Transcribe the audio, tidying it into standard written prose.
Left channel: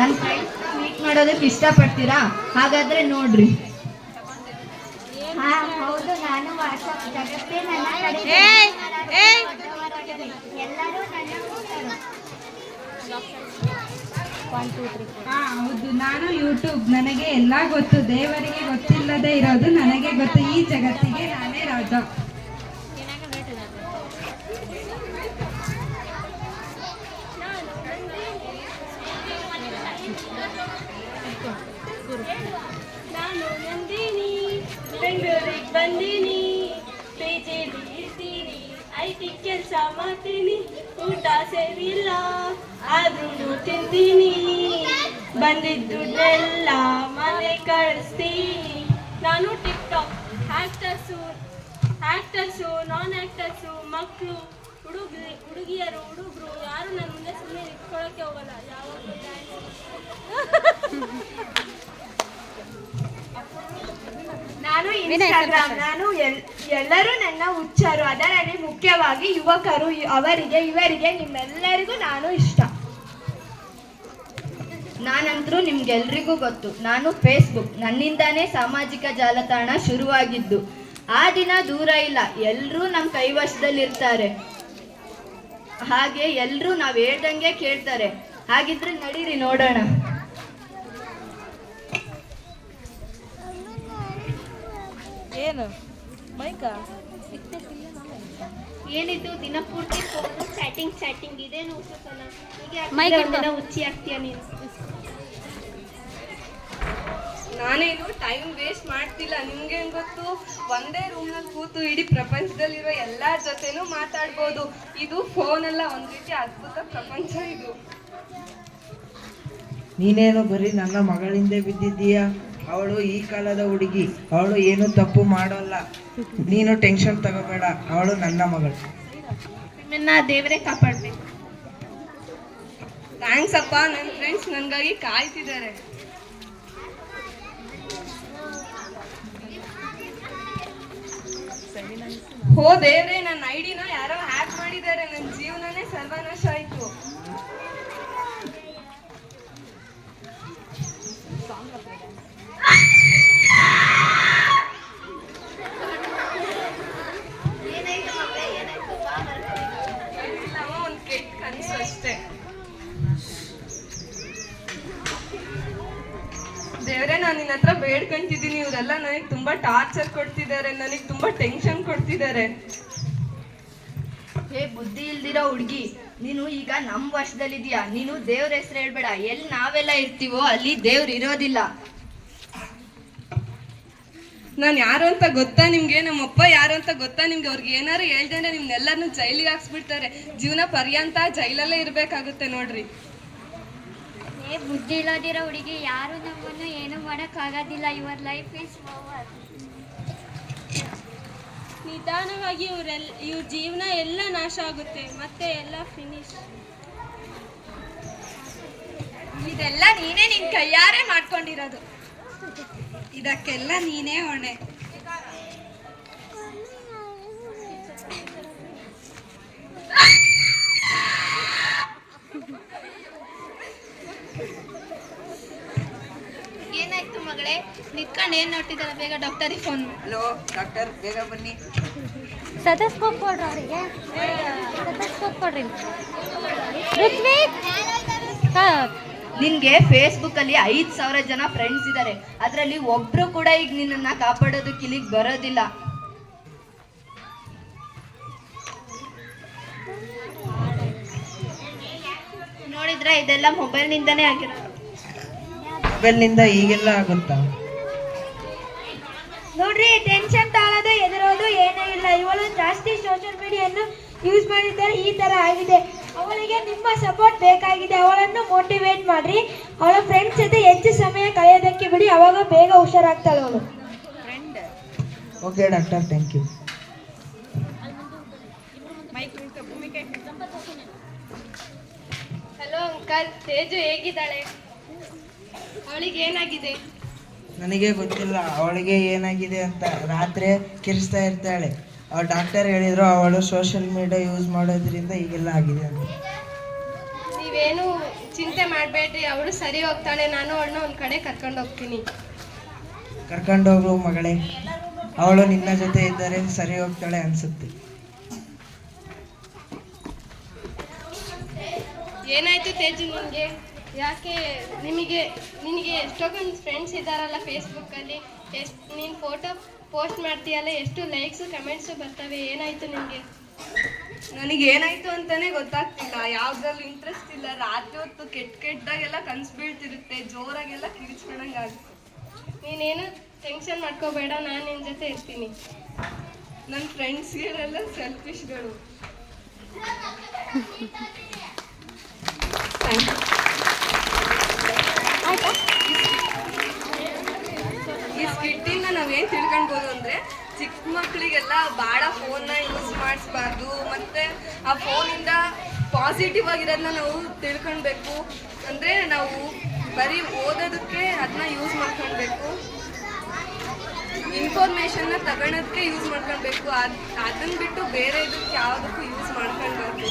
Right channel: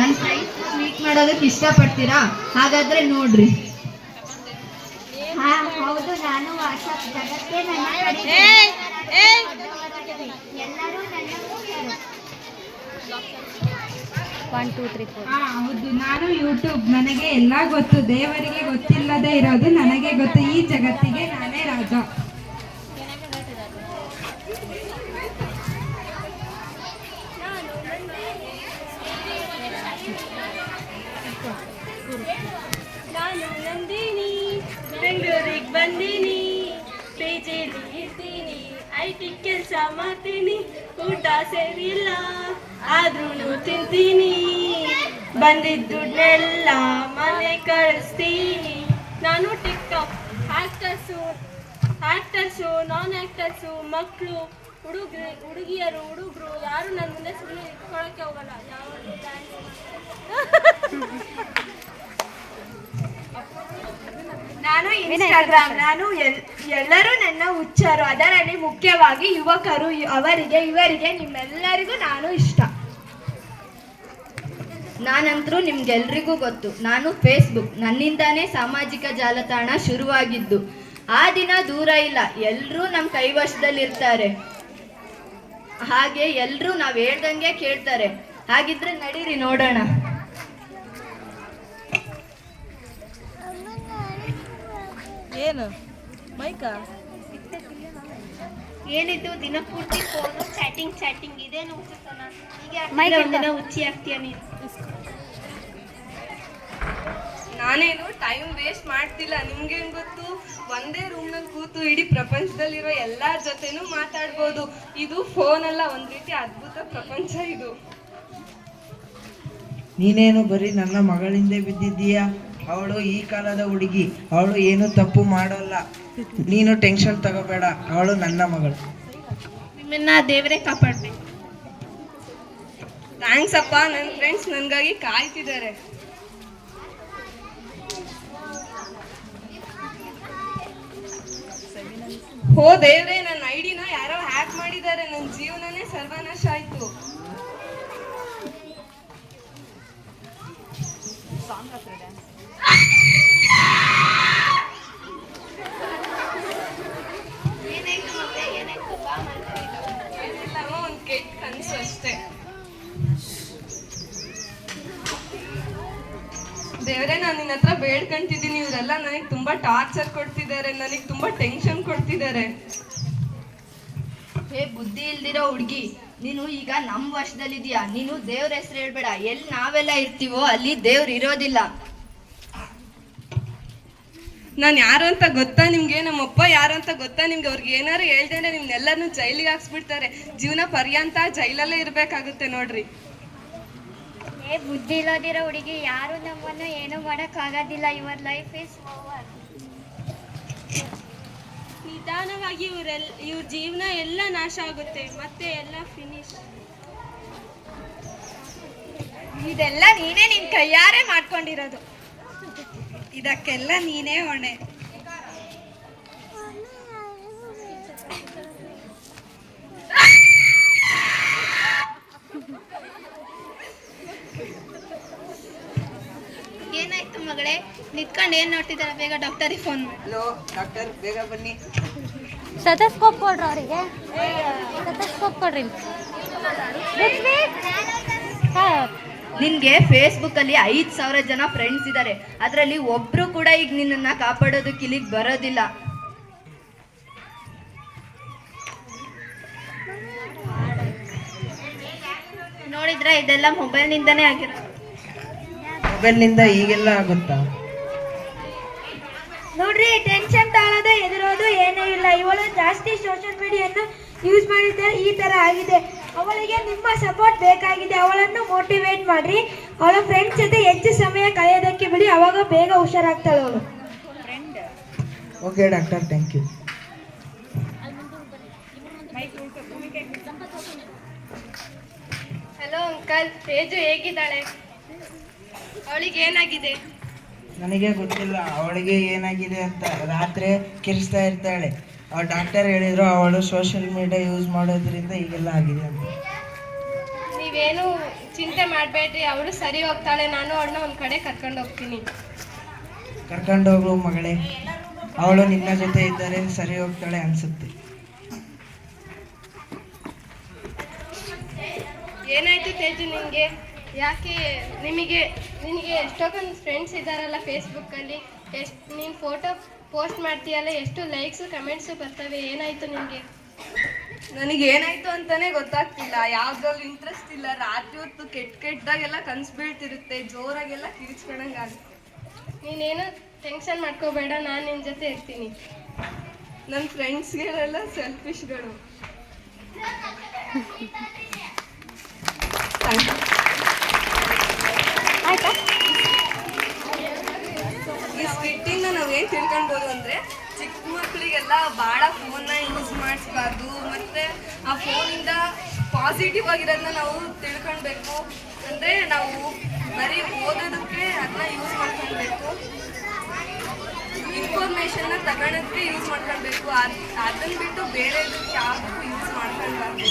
ನನ್ನ friends meet ಮಾಡೋದಕ್ಕೆ ಇಷ್ಟಪಡ್ತೀರಾ? ಹಾಗಾದ್ರೆ ನೋಡ್ರಿ. ಹೌದು, ನಾನು ವಾಟ್ಸಪ್ ಜಗತ್ತೇ ನನ್ನ ಕಡೆ. ಎಲ್ಲರೂ ನನ್ನ ಹೌದು, ನಾನು ಯೂಟ್ಯೂಬ್. ನನಗೆ ಎಲ್ಲ ಗೊತ್ತು. ದೇವರಿಗೆ ಗೊತ್ತಿಲ್ಲದೆ ಇರೋದು ನನಗೆ ಗೊತ್ತು. ಈ ಜಗತ್ತಿಗೆ ನಾನೇ ರಾಜ. ನಾನು ನಂದಿನಿ, ಬೆಂಗಳೂರಿಗೆ ಬಂದೀನಿ, ಪೇಜೆಲಿ ಇರ್ತೀನಿ, ಐಟಿ ಕೆಲಸ ಮಾಡ್ತೀನಿ, ಊಟ ಸೇರಿಲ್ಲ ಆದ್ರೂ ತಿಂತೀನಿ, ಬಂದಿದ್ದ ದುಡ್ಡೆಲ್ಲ ಮನೆ ಕಳಿಸ್ತೀನಿ. ನಾನು ಟಿಕ್ಟಾಕ್ ಆಕ್ಟರ್ಸು ನಾನ್ ಆಕ್ಟರ್ಸು, ಮಕ್ಕಳು, ಹುಡುಗಿಯರು, ಹುಡುಗರು ಯಾರು ನನ್ನ ಮುಂದೆ ಸುಮ್ಮನೆ ನಿಂತ್ಕೊಳ್ಳೋಕ್ಕೆ ಹೋಗಲ್ಲ. ಯಾವಾಗಲೂ ಡ್ಯಾನ್ಸ್ ನಾನು ಇನ್ಸ್ಟಾಗ್ರಾಮ್. ಎಲ್ಲರೂ ನನ್ನ ಹುಚ್ಚರು, ಅದರಲ್ಲಿ ಮುಖ್ಯವಾಗಿ ಯುವಕರು. ಇವರಿಗೆ ನಿಮ್ಮೆಲ್ಲರಿಗೂ ನಾನು ಇಷ್ಟ. ನಾನಂತರೂ ನಿಮ್ಗೆಲ್ರಿಗೂ ಗೊತ್ತು. ನಾನು ಫೇಸ್ಬುಕ್. ನನ್ನಿಂದಾನೇ ಸಾಮಾಜಿಕ ಜಾಲತಾಣ ಶುರುವಾಗಿದ್ದು. ಆ ದಿನ ದೂರ ಇಲ್ಲ. ಎಲ್ಲರೂ ನಮ್ಮ ಕೈವಶದಲ್ಲಿರ್ತಾರೆ. ಹಾಗೆ ಎಲ್ಲರೂ ನಾವು ಹೇಳ್ದಂಗೆ ಕೇಳ್ತಾರೆ. ಹಾಗಿದ್ರೆ ನಡೀರಿ ನೋಡೋಣ. ಏನು ಮೈಕ ಏನಿದ್ದು ದಿನಪೂರ್ತಿ ಫೋನು ಚಾಟಿಂಗ್ ಇದೆ ಹುಚ್ಚಿ ಆಗ್ತೀಯ ನೀನು. ನಾನೇನು ಟೈಮ್ ವೇಸ್ಟ್ ಮಾಡ್ತಿಲ್ಲ. ನಿಮ್ಗೇನ್ ಗೊತ್ತು, ಒಂದೇ ರೂಮ್ನಲ್ಲಿ ಕೂತು ಇಡೀ ಪ್ರಪಂಚದಲ್ಲಿರೋ ಎಲ್ಲರ ಜೊತೆನೂ ಮಾತಾಡ್ಬೋದು. ಇದು ಫೋನ್ ಅಲ್ಲ, ಒಂದ್ ರೀತಿ ಅದ್ಭುತ ಪ್ರಪಂಚ ಇದು. ನೀನೇನು ಬರೀ ನನ್ನ ಮಗಳಿಂದ ಬಿದ್ದಿದ್ದೀಯಾ? ಅವಳು ಈ ಕಾಲದ ಹುಡುಗಿ. ಅವಳು ಏನು ತಪ್ಪು ಮಾಡೋಲ್ಲ. ನೀನು ಟೆನ್ಷನ್ ತಗೋಬೇಡ. ಅವಳು ನನ್ನ ಮಗಳು. ನಿಮ್ಮನ್ನ ದೇವರೇ ಕಾಪಾಡ್ಬೇಕು. ಥ್ಯಾಂಕ್ಸ್ ಅಪ್ಪ. ನನ್ನ ಫ್ರೆಂಡ್ಸ್ ನನ್ಗಾಗಿ ಕಾಯ್ತಿದ್ದಾರೆ. ಹೋ ದೇವ್ರೆ, ನನ್ನ ಐಡಿನ ಯಾರೋ ಹ್ಯಾಕ್ ಮಾಡಿದ್ದಾರೆ. ನನ್ನ ಜೀವನನೇ ಸರ್ವನಾಶ ಆಯ್ತು. ಏನಿಲ್ಲವ, ಒಂದು ಕೆಟ್ಟ ಕನಸು ಅಷ್ಟೇ. ದೇವ್ರೆ, ನಾನು ನಿನ್ನ ಹತ್ರ ಬೇಡ್ಕೊಂತಿದ್ದೀನಿ. ಇವರೆಲ್ಲ ನನಗೆ ತುಂಬಾ ಟಾರ್ಚರ್ ಕೊಡ್ತಿದ್ದಾರೆ, ನನಗೆ ತುಂಬಾ ಟೆನ್ಷನ್ ಕೊಡ್ತಿದ್ದಾರೆ. ಹೇ ಬುದ್ಧಿ ಇಲ್ದಿರೋ ಹುಡುಗಿ, ನೀನು ಈಗ ನಮ್ಮ ವಶದಲ್ಲಿದೀಯಾ. ನೀನು ದೇವ್ರ ಹೆಸರು ಹೇಳ್ಬೇಡ. ಎಲ್ಲಿ ನಾವೆಲ್ಲ ಇರ್ತೀವೋ ಅಲ್ಲಿ ದೇವ್ರು ಇರೋದಿಲ್ಲ. ನಾನು ಯಾರು ಅಂತ ಗೊತ್ತಾ ನಿಮ್ಗೆ? ನಮ್ಮಪ್ಪ ಯಾರು ಅಂತ ಗೊತ್ತಾ ನಿಮ್ಗೆ? ಅವ್ರಿಗೆ ಏನಾರು ಹೇಳ್ದೇನೆ ನಿಮ್ನೆಲ್ಲರನ್ನು ಜೈಲಿಗೆ ಹಾಕ್ಸ್ಬಿಡ್ತಾರೆ. ಜೀವನ ಪರ್ಯಂತ ಜೈಲಲ್ಲೇ ಇರ್ಬೇಕಾಗುತ್ತೆ ನೋಡ್ರಿ. ಬುದ್ಧಿ ಇಲ್ಲದಿರೋ ಹುಡುಗಿ, ಯಾರು ನಮ್ಮನ್ನು ಏನು ಮಾಡೋಕ್ಕಾಗೋದಿಲ್ಲ. Your life is over. ನಿಧಾನವಾಗಿ ಇವ್ರ ಜೀವನ ಎಲ್ಲ ನಾಶ ಆಗುತ್ತೆ, ಮತ್ತೆ ಎಲ್ಲ ಫಿನಿಶ್. ಇದೆಲ್ಲ ನೀನೇ ನಿನ್ ಕೈಯಾರೆ ಮಾಡ್ಕೊಂಡಿರೋದು. ಇದಕ್ಕೆಲ್ಲ ನೀನೇ ಹೊಣೆ. ಏನಾಯ್ತು ಮಗಳೇ? ನಿತ್ಕೊಂಡು ಏನ್ ನೋಡ್ತಿದ್ದಾರೆ? ಬೇಗ ಡಾಕ್ಟರಿಗೆ ಫೋನ್. ಹಲೋ ಡಾಕ್ಟರ್, ಬೇಗ ಬನ್ನಿ. ಸ್ಟೆಥೋಸ್ಕೋಪ್ ಕೊಡ್ರಿ ಅವರಿಗೆ. ಸ್ಟೆಥೋಸ್ಕೋಪ್ ಕೊಡ್ರಿ. ನಿನ್ಗೆ ಫೇಸ್ಬುಕ್ ಅಲ್ಲಿ 5,000 ಜನ ಫ್ರೆಂಡ್ಸ್ ಇದ್ದಾರೆ. ಅದರಲ್ಲಿ ಒಬ್ರು ಕೂಡ ಈಗ ನಿನ್ನನ್ನ ಕಾಪಾಡೋದಕ್ಕೆ ಇಲ್ಲಿಗೆ ಬರೋದಿಲ್ಲ. ನೋಡಿದ್ರೆ ಇದೆಲ್ಲ ಮೊಬೈಲ್ ನಿಂದನೇ ಆಗಿರೋದು. ಮೊಬೈಲ್ನಿಂದ ಈಗೆಲ್ಲ ಆಗುತ್ತಾ? ನೋಡ್ರಿ, ಟೆನ್ಷನ್ ತಾಳೋದು ಎದುರೋದು ಏನೂ ಇಲ್ಲ. ಇವಳು ಜಾಸ್ತಿ ಸೋಷಿಯಲ್ ಮೀಡಿಯನ್ನು ಯೂಸ್ ಮಾಡಿದ್ದಾರೆ. ಈ ತರ ಆಗಿದೆ. ಅವಳಿಗೆ ನಿಮ್ಮ ಸಪೋರ್ಟ್ ಬೇಕಾಗಿದೆ. ಅವಳನ್ನು ಮೋಟಿವೇಟ್ ಮಾಡ್ರಿ. ಅವಳ ಫ್ರೆಂಡ್ಸ್ ಜೊತೆ ಹೆಚ್ಚು ಸಮಯ ಕಳೆಯೋದಕ್ಕೆ ಬಿಡಿ. ಅವಾಗ ಬೇಗ ಹುಷಾರಾಗ್ತಾಳೆ ಅವಳು. Okay doctor, thank you. Hello uncle, Teju ಹೇಗಿದ್ದಾಳೆ? ಅವಳಿಗೆ ಏನಾಗಿದೆ? ನನಗೆ ಗೊತ್ತಿಲ್ಲ ಅವಳಿಗೆ ಏನಾಗಿದೆ ಅಂತ. ರಾತ್ರಿ ಕಿರಿಸ್ತಾ ಇರ್ತಾಳೆ. ಡಾಕ್ಟರ್ ಹೇಳಿದ್ರು ಅವಳು ಸೋಷಿಯಲ್ ಮೀಡಿಯಾ ಯೂಸ್ ಮಾಡೋದ್ರಿಂದ ಹೀಗೆಲ್ಲ ಆಗಿದೆ ಅಂತ. ನೀವೇನು ಚಿಂತೆ ಮಾಡಬೇಡ್ರಿ, ಅವಳು ಸರಿ ಹೋಗ್ತಾಳೆ. ನಾನು ಅವಳನ್ನ ಒಂದು ಕಡೆ ಕರ್ಕೊಂಡು ಹೋಗ್ತೀನಿ. ಕರ್ಕೊಂಡೋಗು ಮಗಳೇ, ಅವಳು ನಿನ್ನ ಜೊತೆ ಇದ್ದರೆ ಸರಿ ಹೋಗ್ತಾಳೆ ಅನ್ಸುತ್ತೆ. ಏನಾಯ್ತು ತೇಜು ನಿನಗೆ? ಯಾಕೆ ನಿನಗೆ ಎಷ್ಟೊಂದು ಫ್ರೆಂಡ್ಸ್ ಇದ್ದಾರಲ್ಲ ಫೇಸ್ಬುಕ್ಕಲ್ಲಿ, ನೀನು ಫೋಟೋ ಪೋಸ್ಟ್ ಮಾಡ್ತೀಯಲ್ಲ, ಎಷ್ಟು ಲೈಕ್ಸು ಕಮೆಂಟ್ಸು ಬರ್ತವೆ. ಏನಾಯ್ತು ನಿನಗೆ? ನನಗೆ ಏನಾಯ್ತು ಅಂತಾನೆ ಗೊತ್ತಾಗ್ತಿಲ್ಲ. ಯಾವ್ದ್ರಲ್ಲೂ ಇಂಟ್ರೆಸ್ಟ್ ಇಲ್ಲ. ರಾತ್ರಿ ಹೊತ್ತು ಕೆಟ್ಟದಾಗೆಲ್ಲ ಕನ್ಸು ಬೀಳ್ತಿರುತ್ತೆ, ಜೋರಾಗೆಲ್ಲ ಕಿರಿಚ್ಕೊಳಂಗಾಗುತ್ತೆ. ನೀನೇನು ಟೆನ್ಷನ್ ಮಾಡ್ಕೋಬೇಡ, ನಾನು ನಿನ್ನ ಜೊತೆ ಇರ್ತೀನಿ. ನನ್ನ ಫ್ರೆಂಡ್ಸ್ಗೆಲ್ಲ ಸೆಲ್ಫಿಶ್ಗಳು. ಈ ಸ್ಕಿಟ್ಟಿಂದ ನಾವೇನು ತಿಳ್ಕೊಳ್ಬೋದು ಅಂದರೆ, ಚಿಕ್ಕ ಮಕ್ಕಳಿಗೆಲ್ಲ ಭಾಳ ಫೋನ್ನ ಯೂಸ್ ಮಾಡಿಸ್ಬಾರ್ದು, ಮತ್ತು ಆ ಫೋನಿಂದ ಪಾಸಿಟಿವ್ ಆಗಿರೋದನ್ನ ನಾವು ತಿಳ್ಕೊಳ್ಬೇಕು. ಅಂದರೆ ನಾವು ಬರೀ ಓದೋದಕ್ಕೆ ಅದನ್ನ ಯೂಸ್ ಮಾಡ್ಕೊಳ್ಬೇಕು, ಇನ್ಫಾರ್ಮೇಷನ್ನ ತಗೊಳೋದಕ್ಕೆ ಯೂಸ್ ಮಾಡ್ಕೊಳ್ಬೇಕು. ಅದನ್ನ ಬಿಟ್ಟು ಬೇರೆ ಇದಕ್ಕೆ ಯಾವುದಕ್ಕೂ ಯೂಸ್ ಮಾಡ್ಕೊಳ್ಬಾರ್ದು.